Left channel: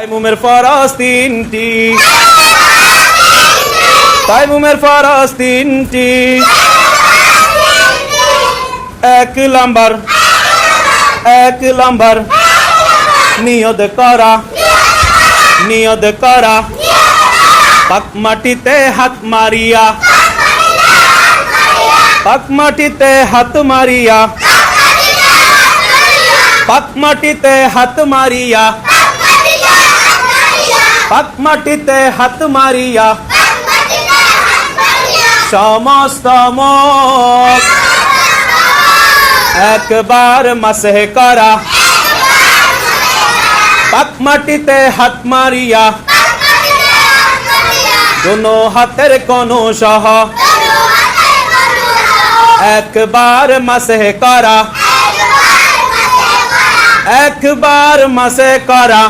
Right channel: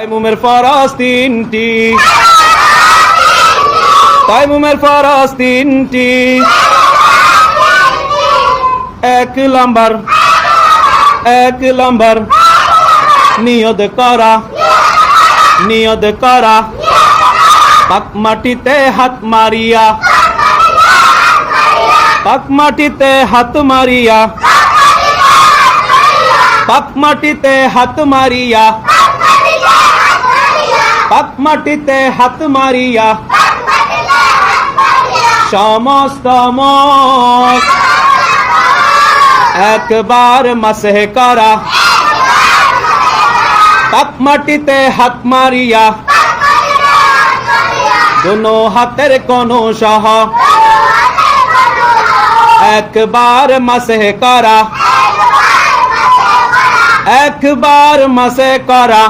তাইমুমের ফরজ তিনটি, তাইমুমের ফরজ তিনটি। এক নাম্বার নিয়ত করা, নিয়ত করা পাক মাটিতে হাত মারিয়া, পাক মাটিতে হাত মারিয়া, পাক মাটিতে হাত মারিয়া, পাক মাটিতে হাত মারিয়া সমস্ত মুখ একবার মাসহ করা। পাক মাটিতে হাত মারিয়া দোনো হাতের কোন সহ একবার মাসহ করা, একবার মাসহ করা।